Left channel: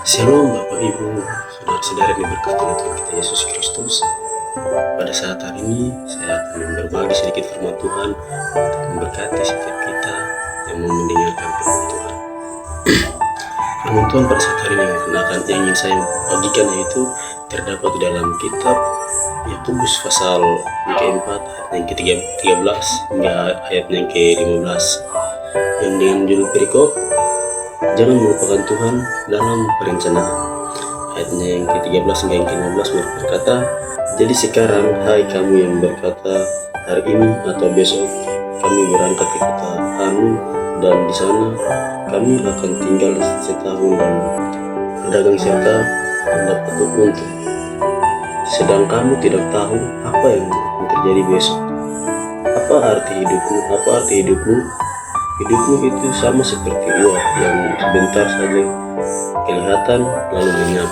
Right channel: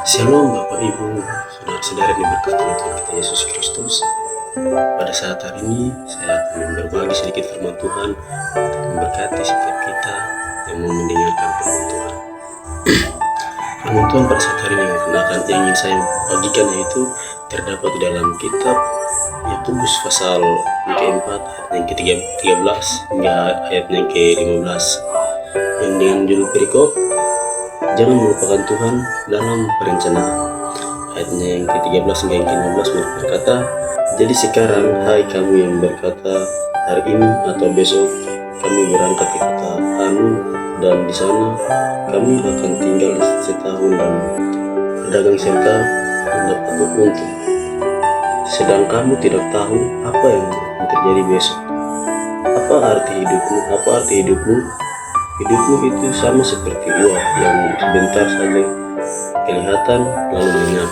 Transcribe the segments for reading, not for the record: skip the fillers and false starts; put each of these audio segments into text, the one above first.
Shalom Bapak Ibu, saudara-saudara yang diberkati oleh Tuhan kita Yesus Kristus. Pada saat hari ini saya akan berbagi sedikit firman Tuhan untuk memberkati setiap kita yang mau mendengarkan firman Tuhan. Firman Tuhan pada saat hari ini yang ingin saya bagikan yaitu terdapat di dalam kitab Yakobus pasal yang keempat ayat yang ke-13 hingga ayat yang ke-15 yang dengan judul perikop jangan melupakan Tuhan dalam perencanaan. Ayatnya yang ke-13 hingga yang ke-15 berkata, jadi sekarang hai kamu yang berkata hari ini atau besok kami berangkat ke kota Anu dan di sana kami akan tinggal setahun dan berdagang serta mendapat untung. Sedang kamu tidak tahu apa yang akan terjadi besok. Apa arti hidupmu? Apa arti hidupmu? Hidupmu itu sama seperti uap yang sebentar saja kelihatan lalu lenyap.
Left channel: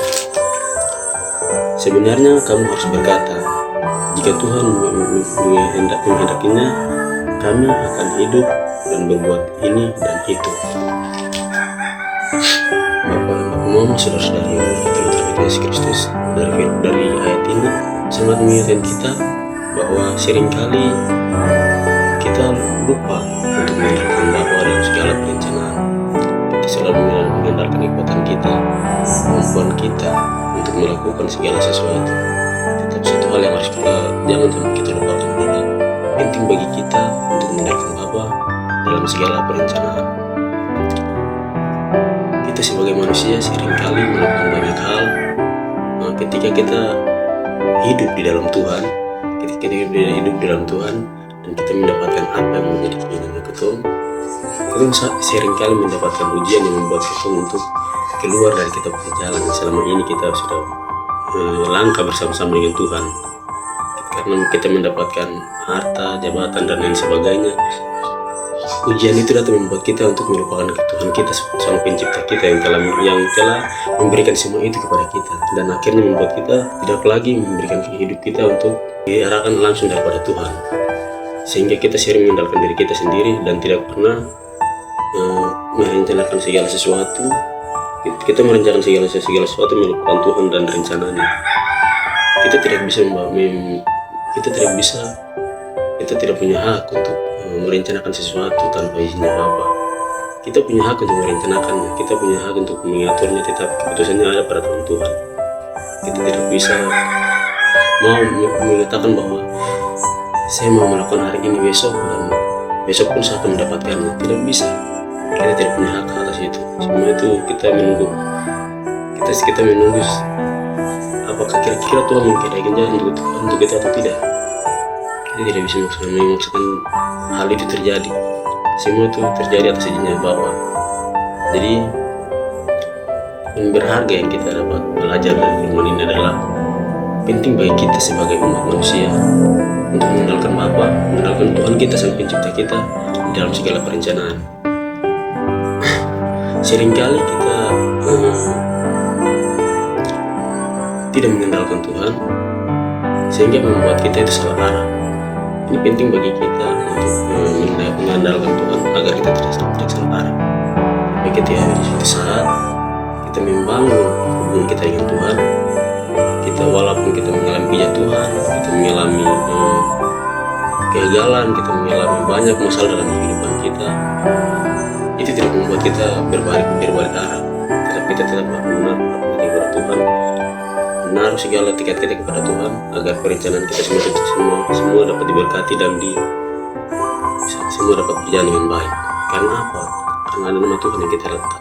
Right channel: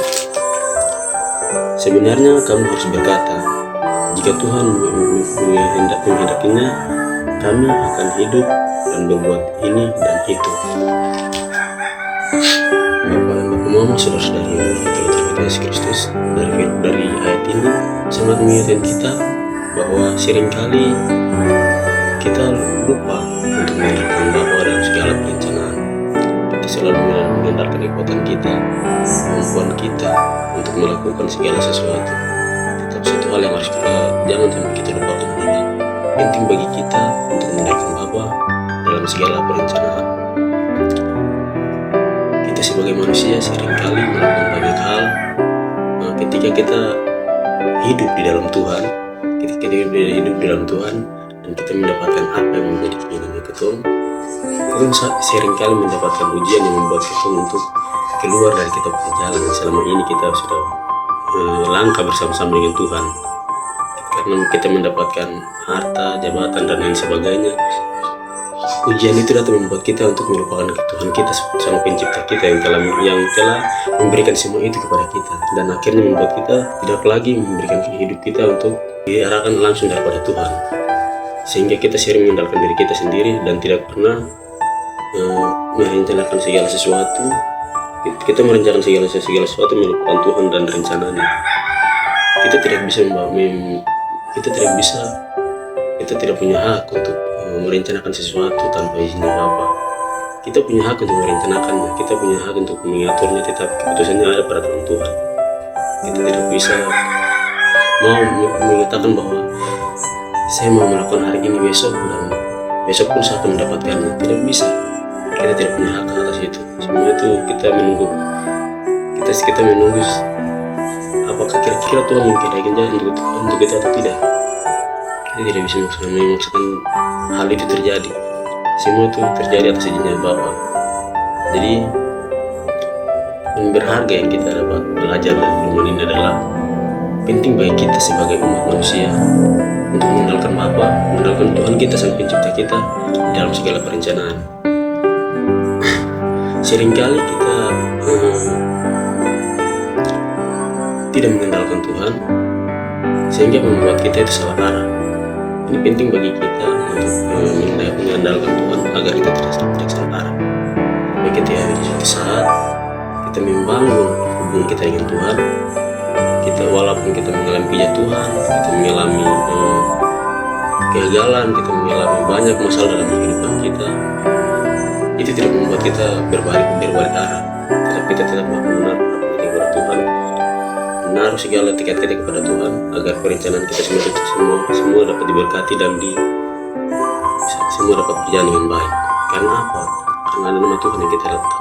Sebenarnya kamu harus berkata, jika Tuhan menghendakinya, kami akan hidup dan berbuat ini dan itu. Bapak Mama, saudara-saudari yang berkata Yesus Kristus, dari ayat ini sangat mengingatkan kita bahwa seringkali kita lupa untuk mengandalkan Bapa dalam segala perencanaan. Kita selalu mengandalkan kekuatan kita, kemampuan kita untuk melakukan segala sesuatu. Tetap satu hal yang harus kita jangan sampai kita lupakan adalah penting bagi kita untuk mengandalkan Bapa dalam segala perencanaan. Kita sebagai manusia seringkali melakukan banyak hal. Ketika kita hidup di dalam Tuhan, ketika kita hidup di dalam Tuhan dan kita mendapatkan apa yang menjadi keinginannya ketong seringkali mendapatkan ujian yang membuat ketong untuk keluar dari kita punya jalan yang selama ini kita sudah langkah bersama-sama dengan Tuhan. Karena kita mendapatkan harta, jabatan dan lain sebagainya, ujian itu datang membuat kita untuk melupakan Tuhan kita sang pencipta kita yang telah memberikan semua itu kepada kita, dan akhirnya membuat kita tidak lagi memberikan hidup kita untuk diarahkan langsung daripada Tuhan, sehingga kita sering mengandalkan diri kita sendiri dan tidak pernah merencanakan segala sesuatu. Kita merencanakan segala sesuatu melupakan Tuhan dan rencananya. Kita tidak punya hak untuk merencanakan sesuatu tanpa izinnya Bapa. Kita punya hak untuk merencanakannya, kita punya hak untuk mengaturnya, tetapi keputusannya ada pada tangan Tuhan. Kita tidak bisa mau mengatakan bahwa saya mau melakukan hari ini besok dan besok pun saya akan mendapatkannya. Tidak bisa. Kita tidak punya hak atas itu. Semua itu kita menunggu. Kita menunggu apakah kira-kira Tuhan mengkehendaki untuk kita atau tidak. Kita tidak bisa memaksakan hal itu terjadi. Semua itu terjadi atas izinnya Bapa. Jadi yang berharga yang kita dapat belajar dari firman ini adalah penting bagi kita sebagai umat manusia untuk mengandalkan Bapa, mengandalkan Tuhan kita sang pencipta kita dalam segala perencanaan. Seringkali kita tidak mengandalkan Tuhan sehingga membuat kita itu salah arah. Ini penting bagi kita untuk mengandalkan Tuhan agar kita tidak salah arah. Sampai ketika di suatu saat kita membangun hubungan kita dengan Tuhan, kita walaupun kita mengalami kejatuhan, kita mengalami kegagalan, kita mengalami banyak masalah dalam kehidupan kita, itu tidak membuat kita berbalik arah, tetapi kita tetap menaruh kepada Tuhan, menaruh segala tekad kita kepada Tuhan agar perencanaan kita semua dapat diberkati dan semua dapat berjalan dengan baik. Karena apa? Karena ada nama Tuhan yang kita letak,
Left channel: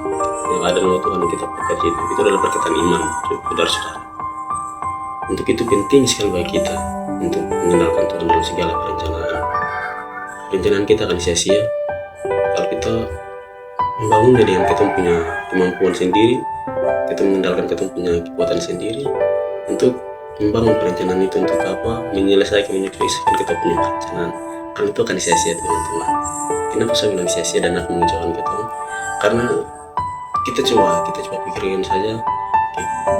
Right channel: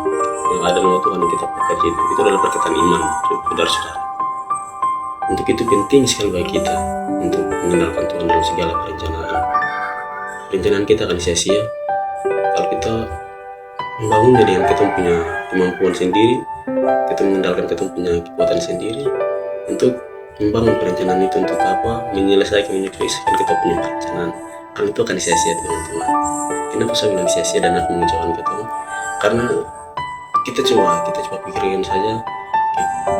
yang ada nama Tuhan yang kita pakai itu adalah perkataan iman, saudara-saudara. Untuk itu penting sekali bagi kita untuk mengenalkan Tuhan dalam segala perencanaan. Perencanaan kita akan sia-sia kalau kita membangunnya dengan kita punya kemampuan sendiri, kita mengandalkan kita punya kekuatan sendiri untuk membangun perencanaan itu. Untuk apa? Menyelesaikan kita punya perencanaan. Karena itu akan sia-sia, teman-teman. Kenapa saya bilang sia-sia dan aku mengejauhkan kita? Karena kita coba pikirkan saja.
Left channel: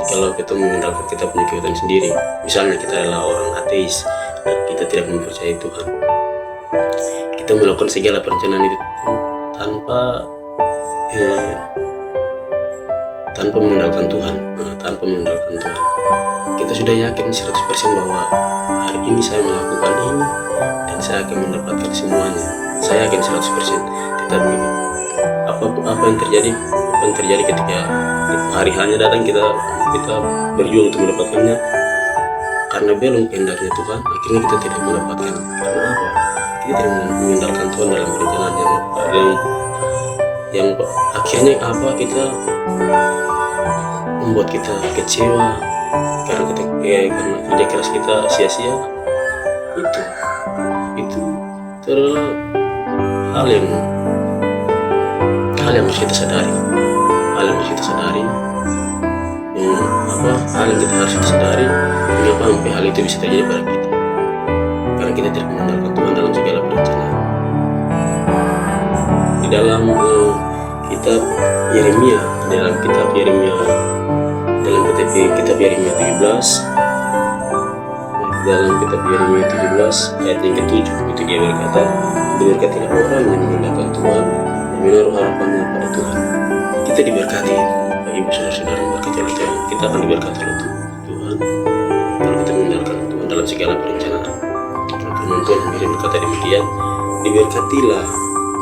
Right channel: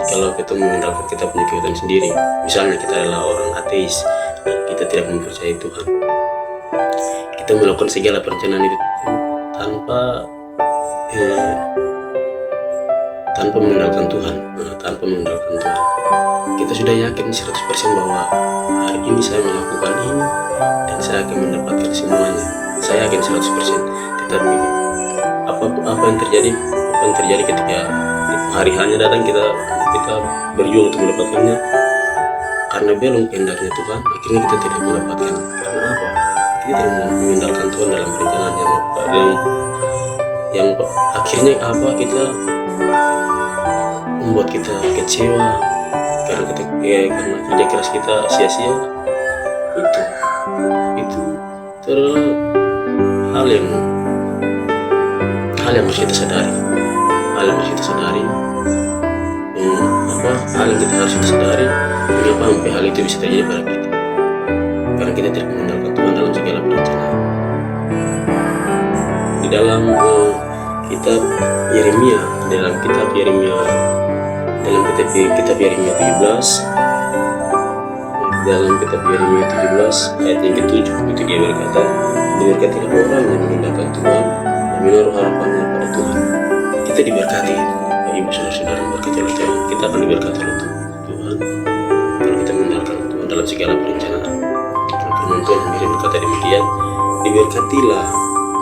Kalau kita mengandalkan kita punya kekuatan sendiri, misalnya kita adalah orang ateis dan kita tidak mempercayai Tuhan, kita melakukan segala perencanaan itu tanpa mengandalkan Tuhan. Tanpa mengandalkan Tuhan, kita sudah yakin 100% bahwa hari ini saya melakukan ini dan saya akan mendapatkan semuanya. Saya yakin 100%. Tetapi apa yang terjadi ketika hari hanya datang, kita berjuang untuk mendapatkannya, karena belum kehendaknya Tuhan, akhirnya kita tidak mendapatkan. Karena apa? Kita tidak mengandalkan Tuhan dalam perencanaan yang akhirnya kita membuat kita kecewa karena kerja keras kita sia-sia. Itu adalah hal yang harus kita sadari. Hal yang kita harus kita sadari, mengapa sampai hal itu bisa terjadi pada kita, karena kita tidak mengandalkan Tuhan dalam segala perencanaan. Di dalam kitab Yeremia, dalam kitab Yeremia 17, dalam kitab Yeremia 17 ayat yang ke-7, itu dia berkata, "Diberkatilah orang yang mengandalkan Tuhan dan menaruh harapannya pada Tuhan." Kita diberkati, Ibu saudara-saudara, diberkati oleh Tuhan. Kita akan diberkati oleh Tuhan kalau kita mengandalkan Tuhan dalam segala perencanaan. Firman Tuhan sendiri berkata demikian, "Diberkatilah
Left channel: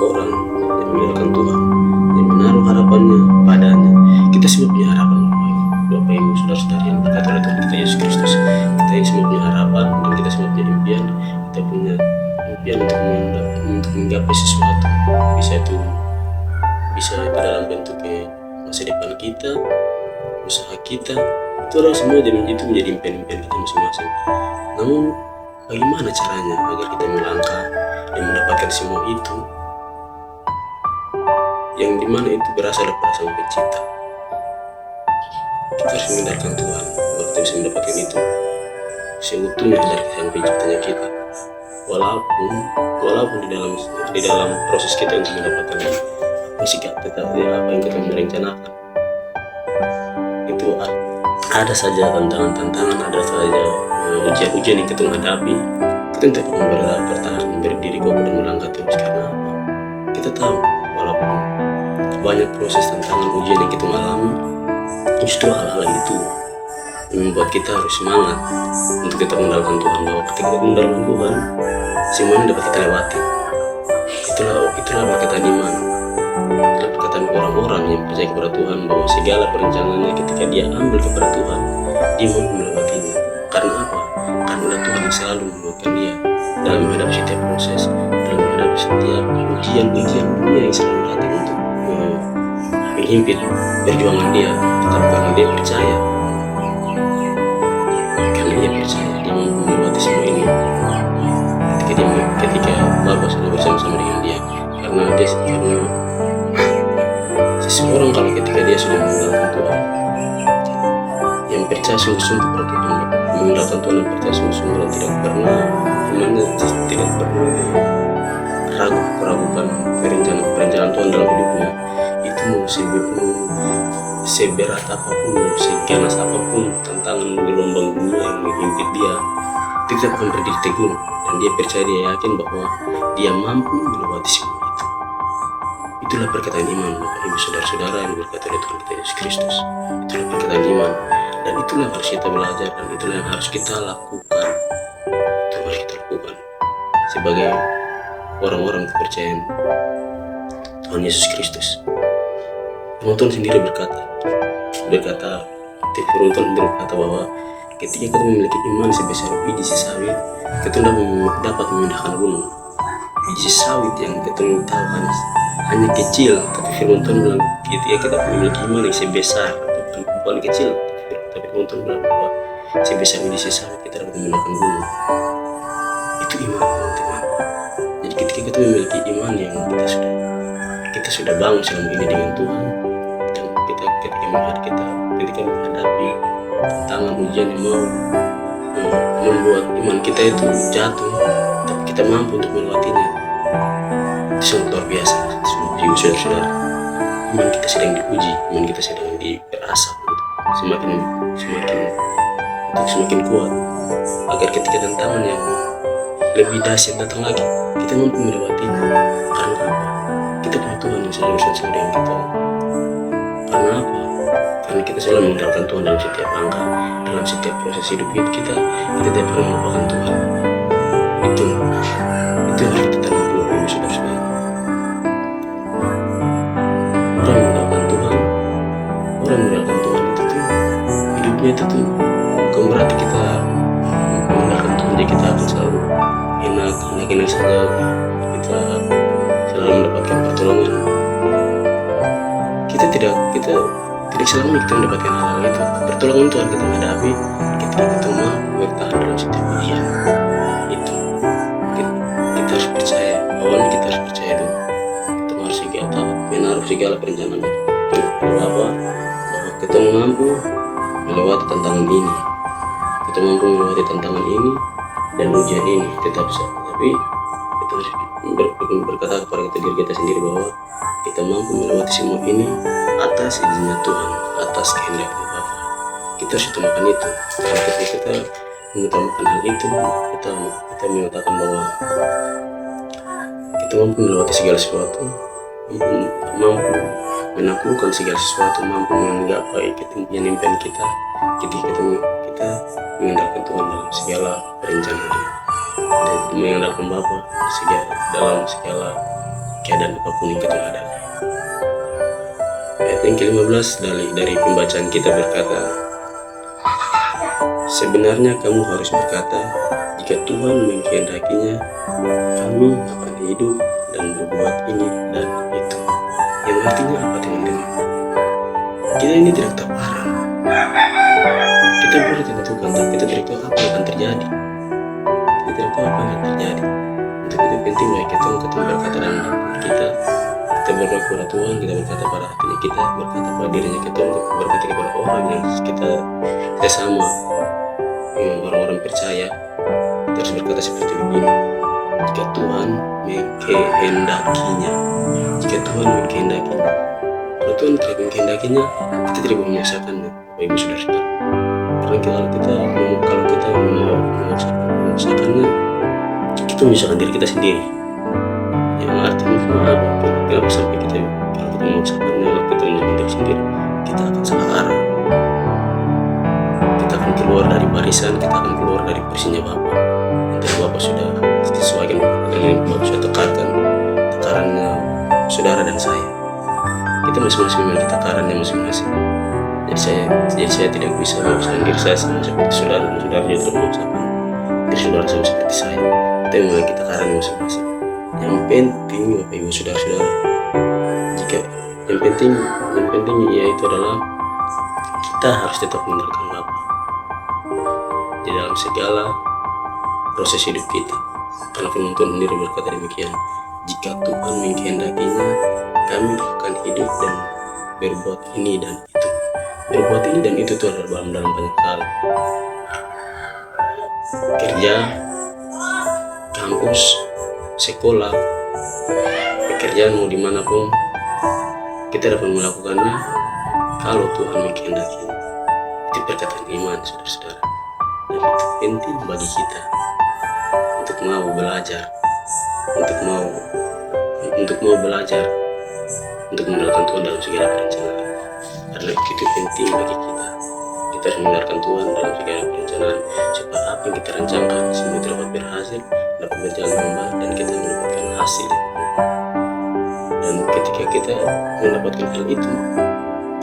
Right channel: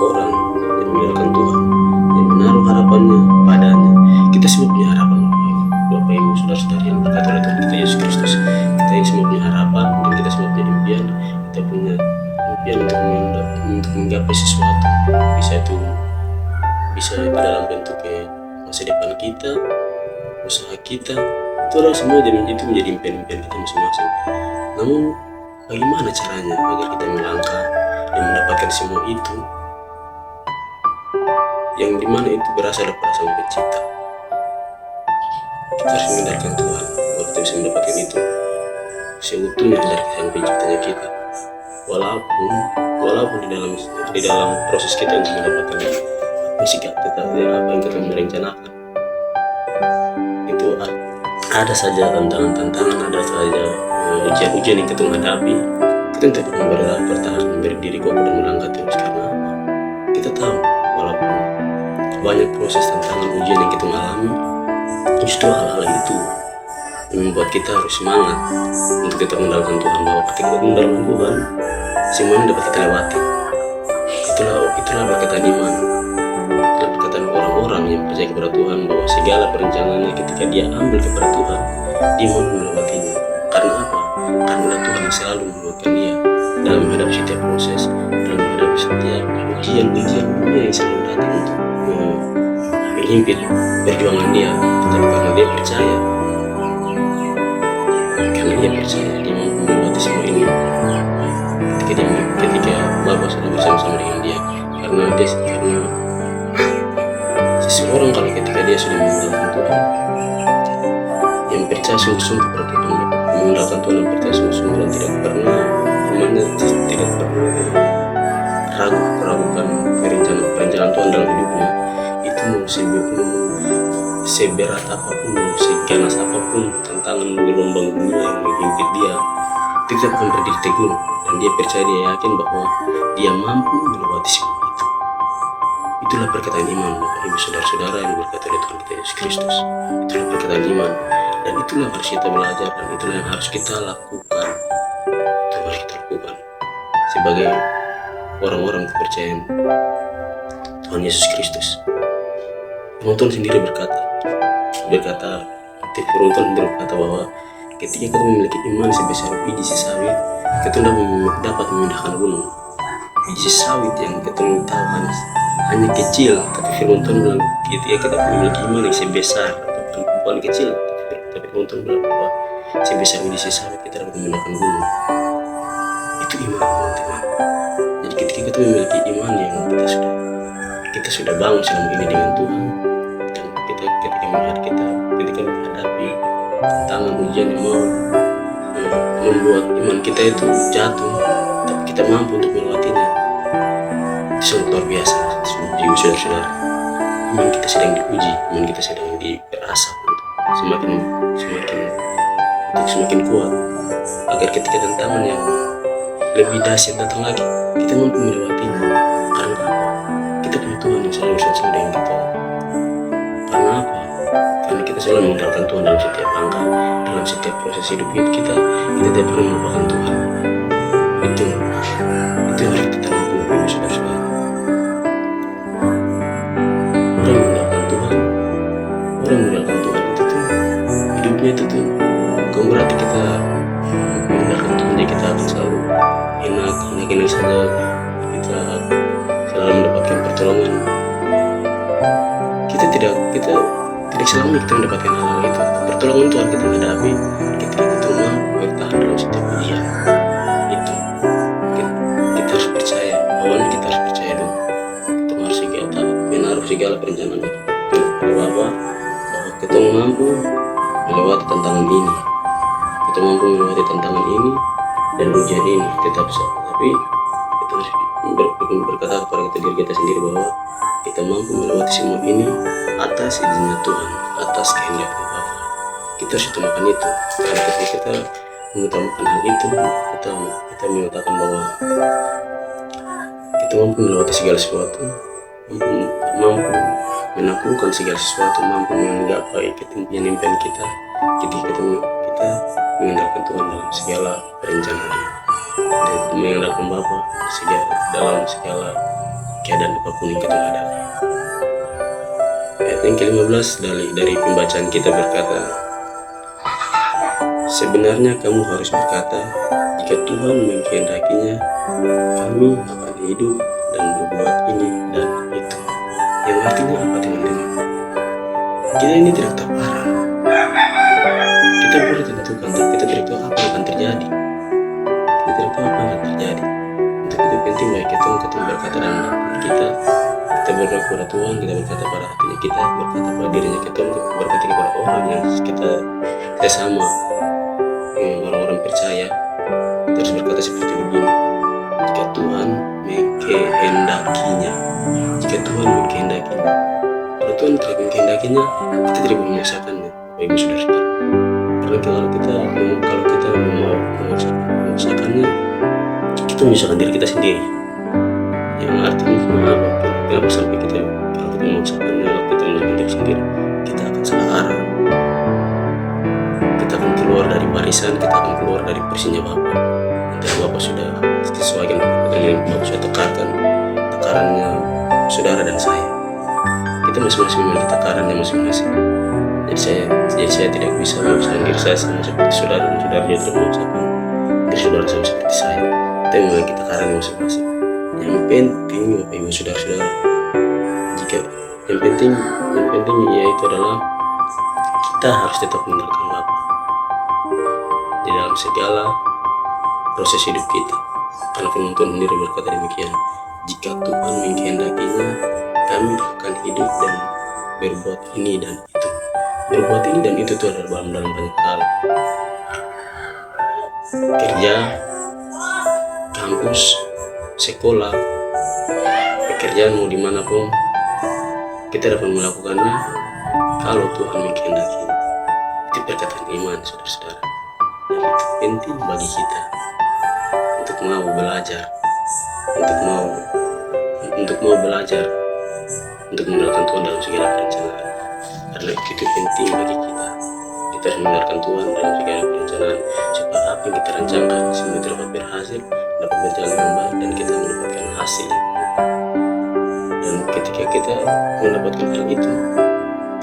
orang yang mengandalkan Tuhan yang menaruh harapannya padanya." Kita semua punya harapan, Bapak Ibu saudara-saudari yang berkata oleh Tuhan kita Yesus Kristus. Kita ini semua punya harapan dan kita semua punya impian. Kita punya impian untuk menggapai sesuatu. Bisa itu dalam bentuk masa depan kita, usaha kita. Itu adalah semua itu menjadi impian-impian kita masing-masing. Namun bagaimana caranya agar kita melangkah dan mendapatkan semua itu, yang dimana itu berasal dari Sang Pencipta? Kita harus mengandalkan Tuhan bahwa kita bisa mendapatkan itu seutuhnya dari Sang Penciptanya kita. Walaupun di dalam proses kita untuk mendapatkan apa yang kita merencanakan, itu ada saja tantangan, ada saja ujian yang kita hadapi. Kita tetap bertahan, berdiri kokoh dan melangkah terus. Karena apa? Kita tahu walaupun banyak proses, tantangan, ujian yang kita alami, justru hal-hal itu membuat kita harus semangat untuk tetap mengandalkan Tuhan, bahwa ketika kita mengandalkan Tuhan, semuanya dapat kita lewati. Itulah berkatan iman, itulah berkatan orang-orang yang percaya kepada Tuhan, bahwa segala perencanaannya ketika dia ambil kepada Tuhan, dia mampu melewatinya. Karena apa? Karena Tuhan yang selalu menguatkan dia dalam menghadapi setiap proses, dalam menghadapi setiap ujian dunia yang selalu datang untuk menghimpit perjuangan dia. Tetapi karena dia percaya, dia mampu melewati semua ini ketika Bapa sudah bersama-sama dengan dia. Karena seseorang kalau ketika dia sudah mengandalkan Tuhan, yang percaya sungguh-sungguh kepada Tuhan, mengandalkan Tuhan dan percaya sungguh-sungguh, dan tidak pernah ragukan perencanaan Tuhan dalam hidupnya, itu mau seberat apapun, mau seganas apapun tantangan gelombang dunia yang menghimpit dia, dia tetap akan berdiri teguh, dan dia percaya, dia yakin bahwa dia mampu melewati semua itu. Itulah perkataan iman, Bapak Ibu saudara-saudara yang berkata oleh Tuhan kita Yesus Kristus. Itulah perkataan iman, dan itulah yang harus kita belajar, dan itulah yang harus kita lakukan. Itu harus kita lakukan sebagai orang-orang kepercayaan Tuhan Yesus Kristus. Tuhan sendiri berkata bahwa ketika kita memiliki iman sebesar biji sawit, kita dapat memindahkan gunung. Biji sawit yang kita tahu hanya kecil, tapi firman Tuhan bilang ketika kita memiliki iman yang sebesar, bukan kecil, tapi firman Tuhan bilang bahwa sebesar biji sawit kita dapat memindahkan gunung. Itu iman, teman-teman. Jadi ketika kita memiliki iman yang kita sudah bangun selama ini dengan Tuhan, dan ketika menghadapi tantangan ujian yang mau membuat iman kita itu jatuh, tapi kita mampu untuk melewatinya, itu sangat luar biasa. Saudara-saudara, iman kita sedang diuji, iman kita sedang diasah untuk semakin kuat, agar ketika tantangan yang lebih dahsyat datang lagi, kita mampu melewatinya. Karena apa? Kita punya Tuhan yang selalu bersama dengan kita. Karena apa? kita selalu mengandalkan Tuhan dalam setiap langkah, dalam setiap proses hidup kita tidak pernah melupakan Tuhan. Itu yang harus kita tanamkan Bapak Ibu Saudara-saudara. Orang meninggalkan Tuhan itu tuh hidupnya itu tuh bukan berarti kita meninggalkan Tuhan jadi kita akan selalu enak saja, kita selalu mendapatkan pertolongan. Kita tidak selamanya kita mendapatkan hal-hal itu. Pertolongan Tuhan kita hadapi ketika kita mampu bertahan dalam setiap ujian. Itu kita harus percaya. Awalnya kita harus percaya dulu. Kita harus menaruh segala perencanaan kepada Bapa bahwa kita mampu melewati tantangan ini. Kita mampu melewati tantangan ini dan ujian ini tetap bisa. Tapi kita harus berkata kepada diri kita sendiri bahwa kita mampu melewati semua ini atas izinnya Tuhan, atas kehendak Bapa. Kita harus utamakan itu. Karena ketika kita mengutamakan hal itu, kita mengatakan bahwa kita mampu melewati segala sesuatu, mampu menaklukkan segala sesuatu, mampu menggapai ketinggian impian kita ketika kita mengandalkan Tuhan dalam segala perencanaan dan mengandalkan Bapa dalam segala keadaan apapun yang kita hadapi. Ayat yang ke-15 dari pembacaan kita berkata, sebenarnya kamu harus berkata, jika Tuhan mengkehendakinya, kami akan hidup dan berbuat ini dan itu. Yang artinya apa teman-teman? Kita ini tidak tahu arah. Kita boleh tentukan, tapi kita tidak tahu apa yang akan terjadi. Kita tidak tahu apa yang akan terjadi. Untuk itu penting bagi kita untuk berkata dalam hati kita berdoa kepada Tuhan, kita berkata pada hatinya kita, berkata pada dirinya kita, untuk berkata kepada orang yang kita sama, orang-orang percaya. Kita harus berkata seperti begini, jika Tuhan mengkehendakinya, kalau Tuhan tidak mengkehendakinya, kita tidak boleh memaksakannya, Bapak Ibu Saudara-saudara. Karena kalau kita mau memaksakannya, kita menyusahkan diri kita sendiri. Yang artinya apa? Kenapa sampai kalau kita memaksakannya, kita menyusahkan diri sendiri, kita akan salah arah. Kita akan keluar dari barisan, kita akan keluar dari porsinya Bapa. Nanti Bapa sudah sesuaikan dengan yang Bapa sudah takarannya saudara dan saya. Kita masing-masing memiliki takarannya masing-masing. Jadi saya tidak bisa memaksakan diri saya sama seperti saudara, dan saudara juga tidak memaksakan diri saudara sama seperti saya. Kita memiliki takarannya masing-masing. Yang penting Bapak Ibu Saudara-saudara, yang penting yaitu adalah kita harus tetap mengandalkan Bapa di dalam segala proses hidup kita. Karena firman Tuhan sendiri berkata demikian, jika Tuhan mengkehendakinya, kami akan hidup dan berbuat ini dan itu. Berbuat ini dan itu adalah dalam banyak hal. Kerja, kampus, sekolah, pekerjaan mau dimanapun, kita dapat melakukannya kalau Tuhan mengkehendaki. Itu perkataan iman, saudara-saudara. Dan itu penting bagi kita untuk mau belajar, untuk mengandalkan Tuhan dalam segala perencanaan. Karena itu penting bagi kita. Kita harus mengandalkan Tuhan dalam segala perencanaan, supaya apa yang kita rancangkan semua dapat berhasil, dapat berjalan dengan baik, dan kita mendapatkan hasil yang baik. Dan ketika kita mendapatkan hal itu,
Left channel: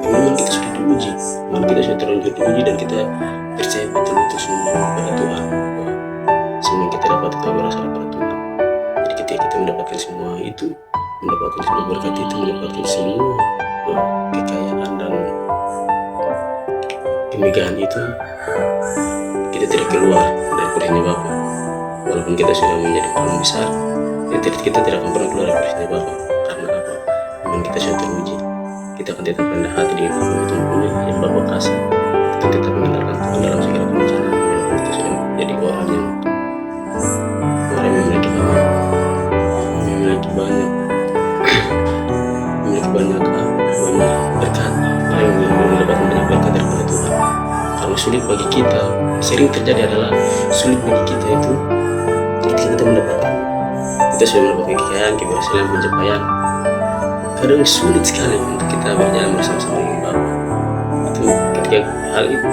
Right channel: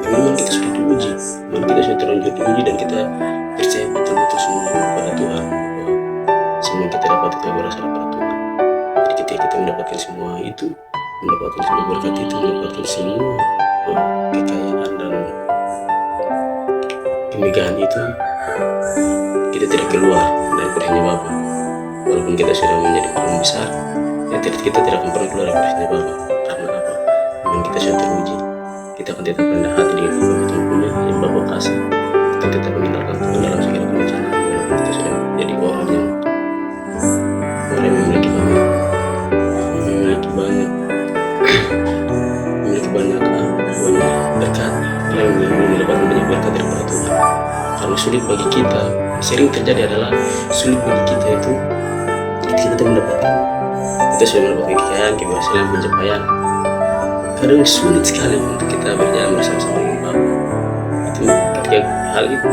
memang kita sudah diuji, memang kita sudah terlanjur diuji, dan kita percaya betul-betul semua kepada Tuhan, bahwa semua yang kita dapat itu berasal dari Tuhan. Jadi ketika kita mendapatkan semua itu, mendapatkan semua berkat itu, mendapatkan semua kekayaan dan kemegahan itu, kita tidak keluar dari kursinya Bapa. Walaupun kita sudah menjadi orang besar, kita tidak akan pernah keluar dari kursinya Bapa. Karena apa? Memang kita sudah teruji. Kita akan tetap rendah hati dengan apa yang kita punya, yang Bapa kasih. Kita tetap mengandalkan Tuhan dalam segala perencanaan, walaupun kita sudah menjadi orang yang memiliki banyak berkat, orang yang mendapatkan banyak berkat daripada Tuhan. Karena sulit bagi kita, sering terjadi adalah sulit bagi kita itu ketika kita sudah mendapatkan kekayaan, keberhasilan, pencapaian. Kadang sulit sekali untuk kita berjalan bersama-sama dengan Bapa. itu ketika hal itu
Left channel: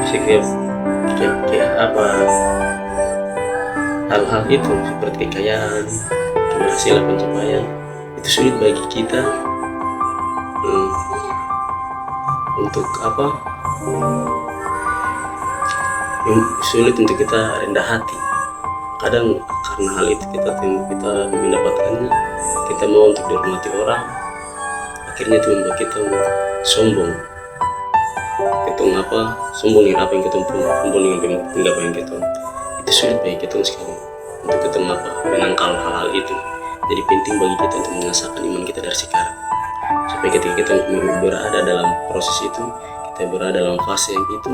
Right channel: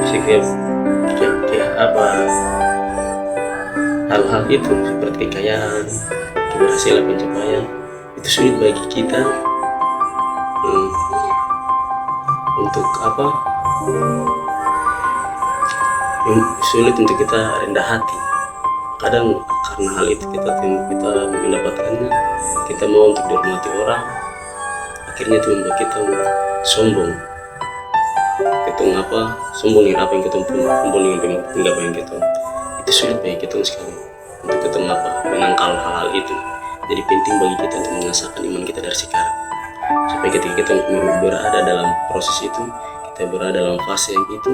hal-hal itu seperti kekayaan, keberhasilan, pencapaian itu sulit bagi kita untuk sulit untuk kita rendah hati. Kadang karena hal itu kita mendapatkannya, kita mau untuk dihormati orang, akhirnya itu membuat kita sombong. Sombong dengan apa yang kita punya, sombong dengan apa yang kita. Itu sulit bagi kita sekali untuk kita menangkal hal-hal itu. Jadi penting bagi kita untuk mengasahkan iman kita dari sekarang, supaya ketika kita berada dalam proses itu, kita berada dalam fase yang itu,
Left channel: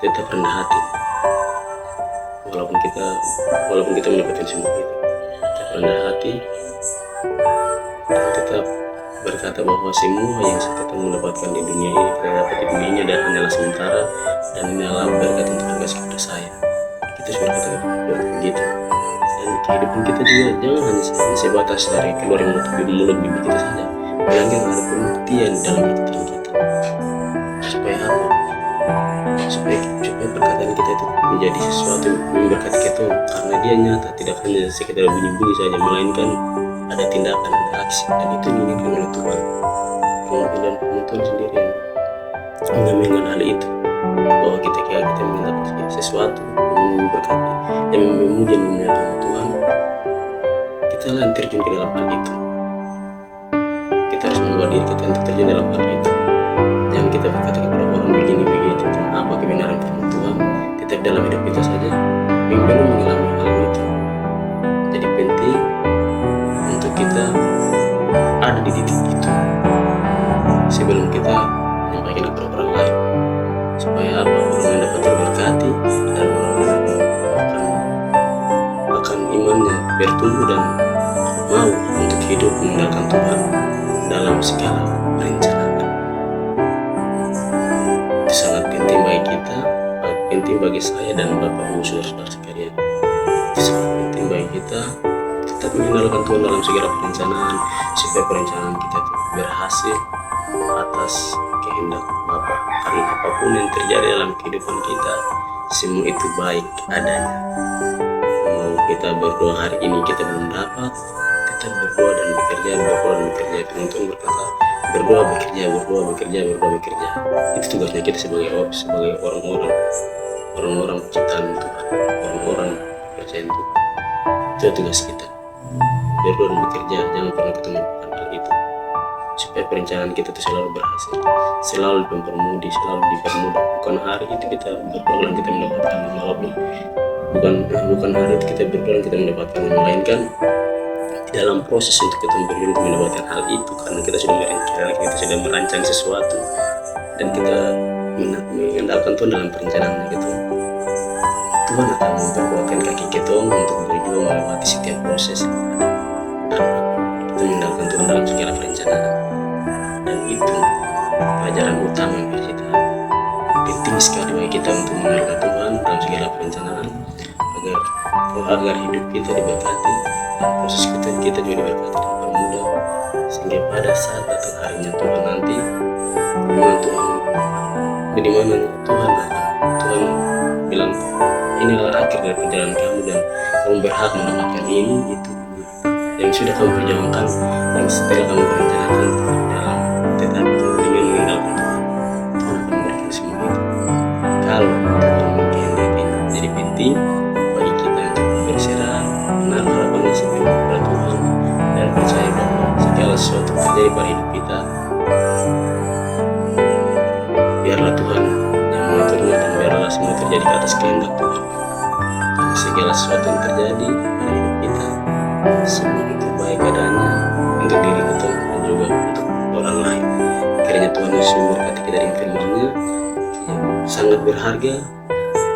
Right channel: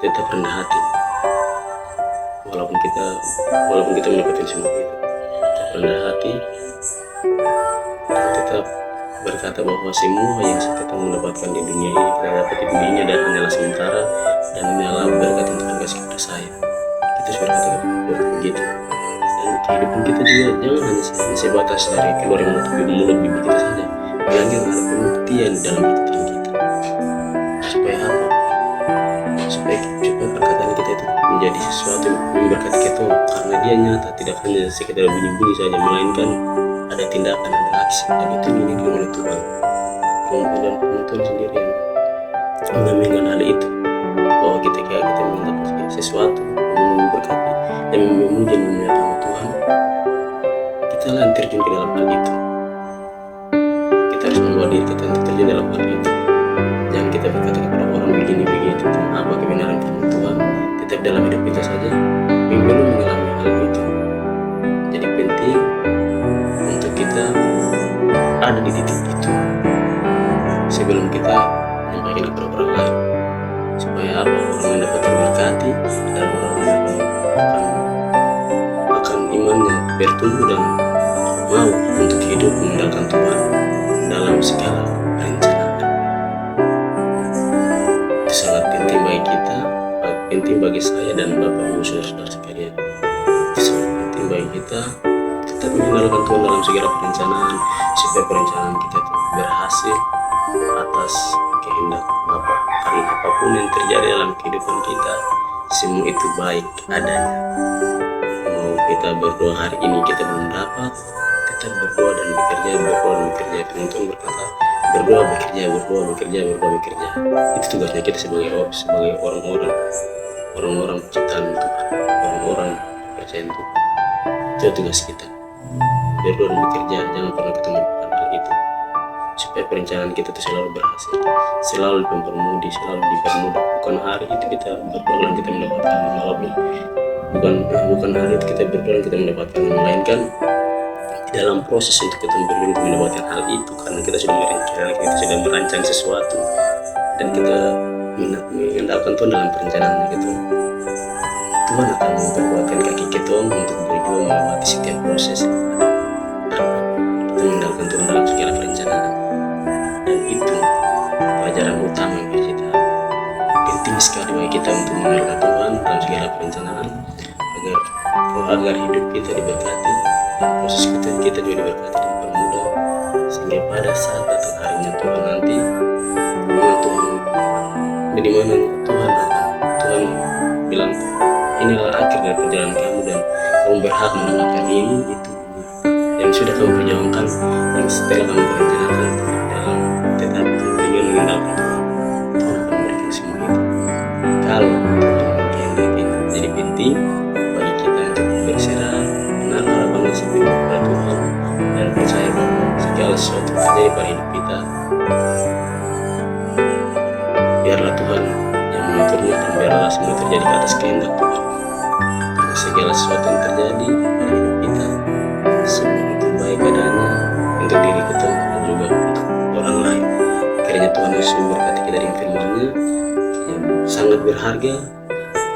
kita tetap rendah hati. Walaupun kita mendapatkan semua itu, tetap rendah hati dan tetap berkata bahwa semua yang kita mendapatkan di dunia ini, kita dapat di dunia ini hanyalah sementara, dan ini adalah berkat yang Tuhan kasih kepada saya. Kita harus berkata begitu. Dan kehidupan kita juga jangan hanya sebatas dari keluar mulut bibir kita saja, melainkan ada pembuktian dalam kehidupan kita. Supaya apa? Supaya perkataan kita itu menjadi sesuatu yang memberkati kita, karena dia nyata, tidak hanya sekedar bunyi-bunyi saja, melainkan ada tindakan, ada aksi, dan itu diinginkan oleh Tuhan. Dan Tuhan sendiri yang mengaminkan hal itu, bahwa kita mendapatkan sesuatu yang memberkati, yang memuji dan memuliakan Tuhan, kita lah yang terjun ke dalam hal itu. Kita harus membawa diri kita untuk terjun dalam hal itu. Jangan kita berkata kepada orang begini tentang apa kebenaran firman Tuhan, tetap dalam hidup kita saja, belum mengalami hal itu. Jadi penting untuk kita ada di titik itu sebelum kita menyampaikan kepada orang lain, supaya orang yang dapat terberkati dan orang akan imannya bertumbuh dan mau untuk hidup mengandalkan Tuhan dalam segala perencanaan. Itu sangat penting bagi kita, penting bagi saya dan Bapak Ibu saudara-saudara sekalian. Itu sangat penting bagi kita tetap mengandalkan Tuhan dalam segala perencanaan, supaya perencanaan kita itu berhasil atas kehendak Bapa. Karena apapun yang terjadi dalam kehidupan kita, semua itu baik adanya. Mau kita berdoa hari ini kita belum dapat, tetap berdoa dan bekerja. Tuhan berkata, berdoa, bekerja. Itu tugasnya kita sebagai orang-orang ciptaan Tuhan, orang-orang percaya Tuhan. Itu tugas kita, berdoa dan bekerja. Jangan pernah kita melupakan hal itu, supaya perencanaan kita itu selalu berhasil, selalu dipermudah. Bukan hari itu kita berdoa dan kita mendapatkan, walaupun bukan hari itu kita berdoa dan kita mendapatkan, melainkan dalam proses untuk kita berjuang untuk mendapatkan hal itu, karena kita sudah merancang sesuatu dan kita mengandalkan Tuhan dalam perencanaannya gitu. Tuhan akan memperkuatkan kaki kita untuk berjuang melewati setiap proses karena kita mengandalkan Tuhan dalam segala perencanaan. Dan itu pelajaran utama yang kita penting sekali bagi kita untuk mengandalkan Tuhan dalam segala perencanaan, agar hidup kita diberkati dan proses kita juga diberkati dan dipermudah, sehingga pada saat datang harinya Tuhan nanti, Tuhan bilang, inilah akhir dari perjalanan kamu dan kamu berhak mendapatkan ini itu yang sudah kamu perjuangkan, yang setelah kamu rencanakan tetap dengan mengandalkan Tuhan akan memberikan semua itu kalau Tuhan menghendaki. Jadi penting bagi kita untuk berserah, menaruh harapan kepada Tuhan, dan percaya bahwa segala sesuatu terjadi pada hidup kita, biarlah Tuhan yang mengaturnya dan biarlah semua terjadi ke atas kehendak Tuhan. Karena segala sesuatu yang terjadi pada hidup kita, semua itu baik adanya untuk diri kita dan juga untuk orang lain. Kiranya Tuhan Yesus memberkati kita dengan firman-Nya yang sangat berharga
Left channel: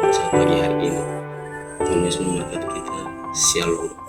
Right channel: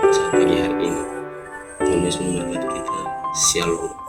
pada saat pagi hari ini. Tuhan Yesus memberkati kita. Shalom.